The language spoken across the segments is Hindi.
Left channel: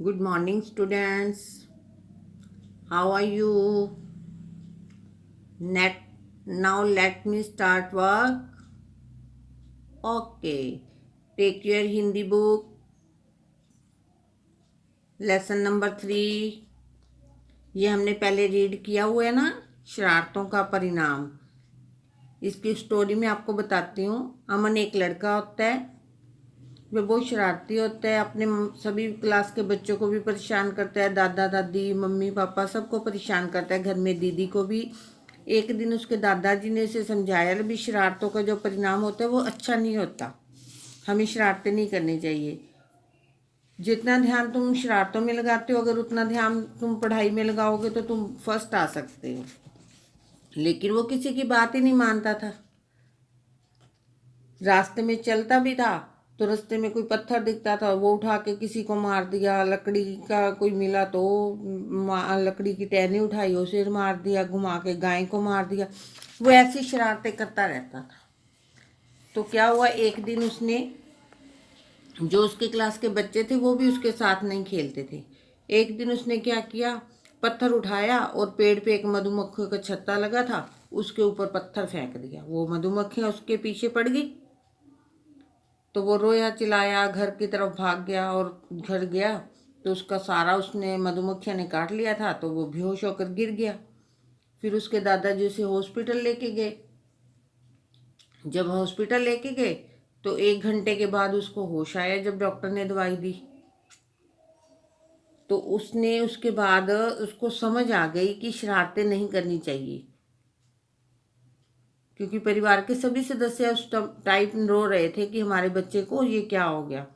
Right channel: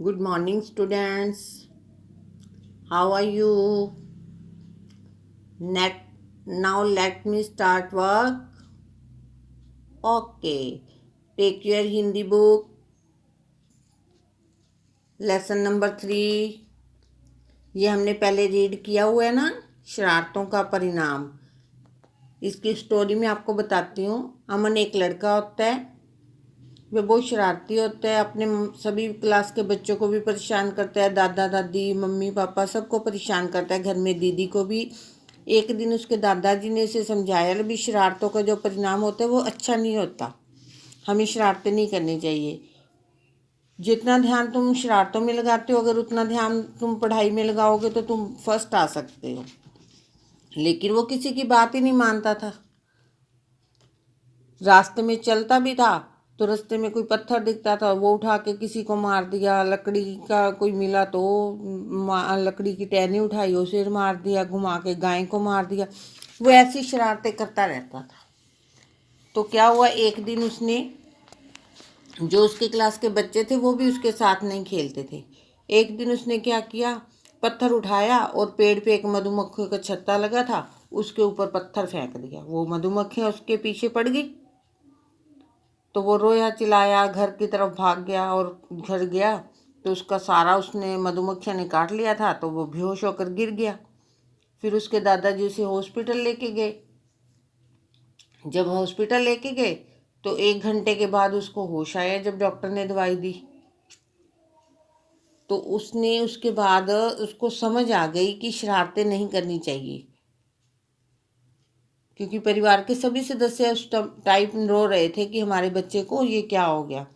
Good morning, students. How are you? Net, now let me start work. Okay. Take your Hindi book. Lesson number 3. ये हमने पहले रीड किया हुआ है ना, शरारतों का परिणाम। इसकी स्टोरी में आपको बताती हूँ। अमन एक लड़का होता है, वह बहुत शरारती होता है, अपने सभी क्लास के बच्चों को भी परेशान करता है, दादा दादी मम्मी पापा सबको परेशान करता है, घर में दीदी को भी। एक दिन उसके दादाजी ने इसे समझाया भी शरारतों का जो परिणाम होता है वो अच्छा नहीं होता, हमें शरारतें नहीं करनी चाहिए। जितना ध्यान तुम शरारतों में लगाते हो, अगर उतना ध्यान तुम पढ़ाई में लगाओगे तो तुम फर्स्ट आ सकते हो। लेकिन वो किसी की बात ही नहीं मानता था। रास्ते में चलता भी था तो रास्ते में कोई पत्थर दिखता था वो उठा के किसी को मार दिया, लकड़ी का कोई मिला तो लकड़ी की टहनी उठाई उसे मार दिया, घुमा के गाय को मार दिया। वो ऐसी शरारतें करता रहता था। तो क्या हुआ, एक दिन उसने, जो उसके क्लास के बच्चे थे वो भी उसके साथ नहीं खेलते थे, एक दिन उसने क्या किया, पत्थर उठाया और पेड़ पे एक मधुमक्खियों का छत्ता लगा था, उसके ऊपर पत्थर फेंक दिया। वो मधुमक्खियाँ उसके पीछे पड़ गई तो वो रोया चिल्लाया, घर की तरफ भाग गया और घर गया तो उसका सारा उसने मधुमक्खियाँ ने काट लिया था, तो वो बेहोश होकर गिर गया। फिर उसके दादाजी उसे हॉस्पिटल लेके गए। जब हॉस्पिटल लेके गए तो 1 घंटे के बाद उसको होश आया, जब डॉक्टर ने दवाई दी तो उसने, उसके बाद उसको समझ आ गई कि शरारतें नहीं करनी चाहिए, क्योंकि परिवार के सभी सदस्य उस टाइम रो रहे थे कि हमारे बच्चे को ये क्या हो गया।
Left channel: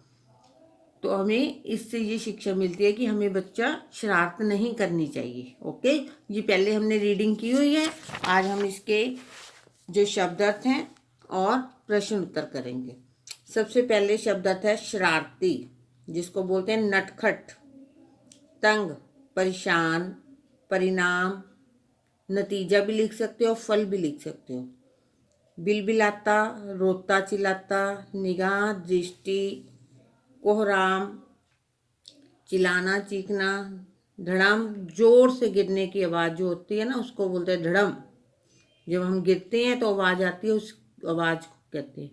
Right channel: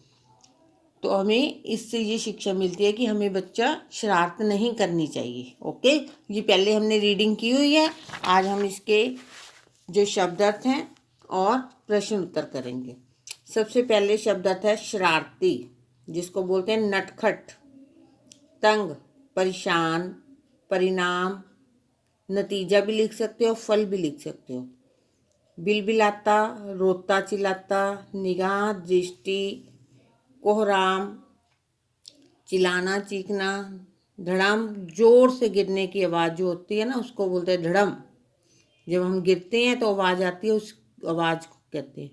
तो हमें इससे ये शिक्षा मिलती है कि हमें बच्चा शरारत नहीं करनी चाहिए। ओके, ये पहले हमने रीडिंग की हुई है, आज हम इसके जो शब्द अर्थ हैं और प्रश्न उत्तर करेंगे। सबसे पहले शब्द अर्थ है शरारती, जिसको बोलते हैं नटखट, तंग, परेशान, परिणाम, नतीजा भी लिख सकते हो, फल भी लिख सकते हो। बिलबिलाता, रोता चिल्लाता, निगाह, दृष्टि, कोहराम, चिल्लाना चीखना, धड़म, जोर से गिरने की आवाज़ जो होती है ना उसको बोलते हैं धड़म। जब हम गिरते हैं तो आवाज़ आती है, उस आवाज़ को कहते हैं।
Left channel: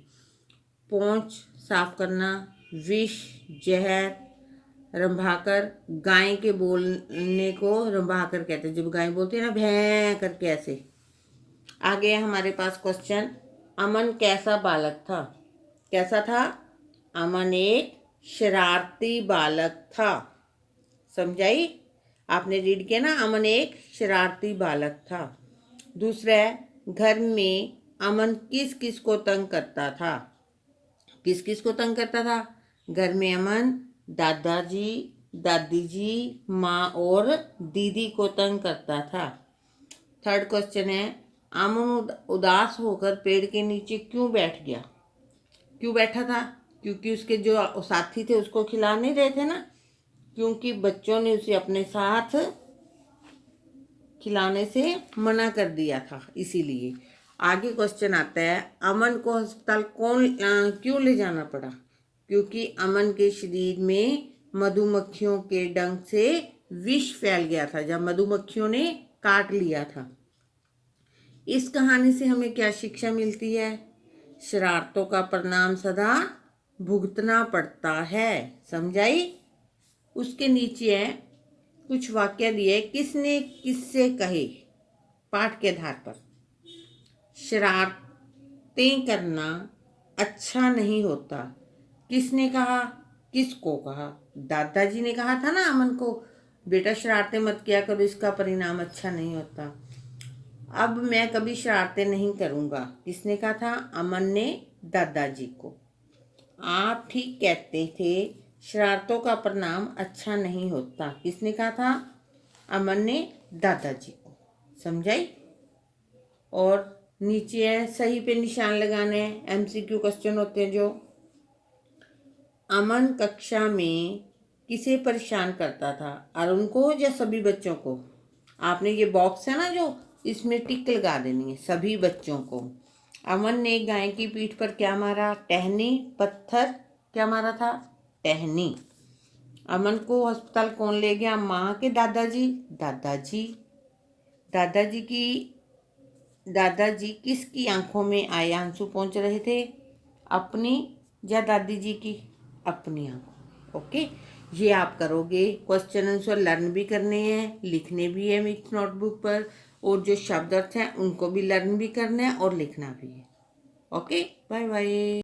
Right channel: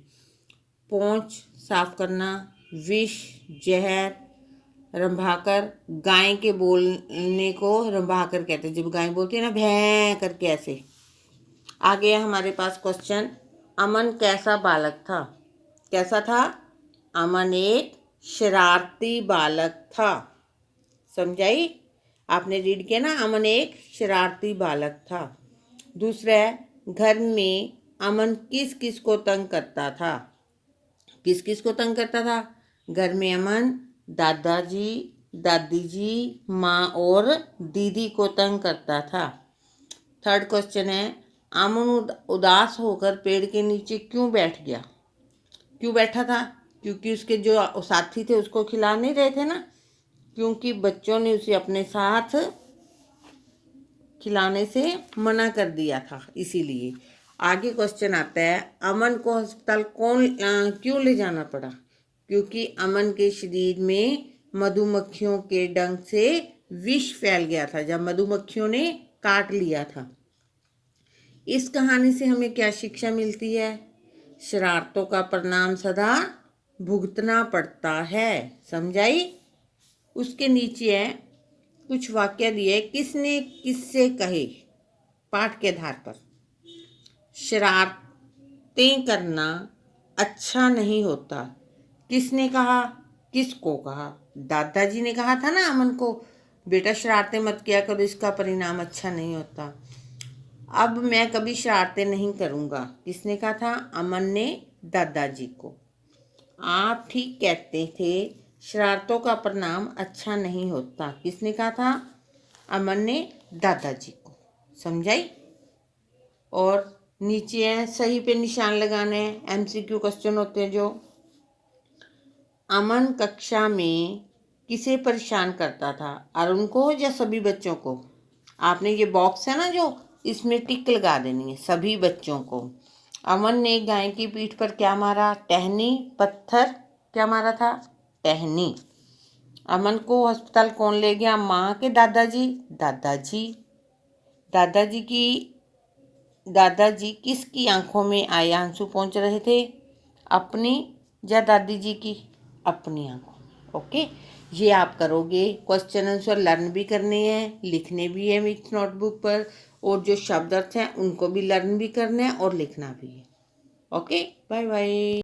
पोंछ, साफ करना, विष, जहर, रंभाकर, गाय के बोलने को रंभाकर कहते हैं, जब गाय बोलती है ना भैं करके ऐसे। आगे है हमारे पास क्वेश्चन, अमन कैसा बालक था? कैसा था? अमन एक शरारती बालक था। समझाई? आपने रीड किया ना, अमन एक शरारती बालक था। दूसरा है, घर में अमन किस किस को तंग करता था? किस किस को तंग करता था? घर में अमन दादाजी, दादी जी, माँ और दीदी को तंग करता था। थर्ड क्वेश्चन है, अमन उदास होकर पेड़ के नीचे क्यों बैठ गया? क्यों बैठा था? क्योंकि उसके जो साथी थे उसको खिला नहीं रहे थे ना, क्योंकि बच्चों ने उसे अपने साथ खिलाने से मना कर दिया था, इसीलिए। आगे क्वेश्चन आता है, अमन को अस्पताल क्यों ले जाना पड़ा? क्योंकि अमन के शरीर में मधुमक्खियों के डंक से विष फैल गया था, जब मधुमक्खियों ने काट लिया था। इस कहानी से हमें क्या शिक्षा मिलती है? शरारतों का परिणाम सदा भुगतना पड़ता है। समझाई? उसके नीचे है कुछ वाक्य दिए, किसने किससे कहे, पाठ के आधार पर। शरारतें करना अच्छा नहीं होता, किसने कहा, किसको कहा? दादाजी ने कहा था ना अमन को, बेटा शरारतें मत किया करो, इसका परिणाम अच्छा नहीं होता। अब मैं कभी शरारतें नहीं करूँगा, किसने कहा था? अमन ने दादाजी को। आप ठीक कहते थे, शरारतों का परिणाम अच्छा नहीं होता, किसने कहा था? अमन ने दादाजी को। समझाई? और नीचे है, सही पे निशान लगाने हैं, एमसीक्यू क्वेश्चन होते हैं जो। अमन कक्षा में किसे परेशान करता था, अरुण को या सभी बच्चों को? आपने ये बॉक्स है ना जो, इसमें टिक लगा देनी है, सभी बच्चों को। अमन ने गाय की पीठ पर क्या मारा? टहनी, पत्थर, क्या मारा था? टहनी। अमन को अस्पताल कौन ले गया? माँ के दादाजी? दादाजी। दादाजी किसकी आंखों में आए आंसू पहुंच रहे थे? अपनी या दादी जी की? अपनी आंखों में। ओके, ये आप करोगे। क्वेश्चन आंसर लर्न भी करने हैं, लिखने भी है मिक्स नोटबुक पर, और जो शब्द अर्थ हैं उनको भी लर्न भी करना है और लिखना भी है। Okay, bye bye.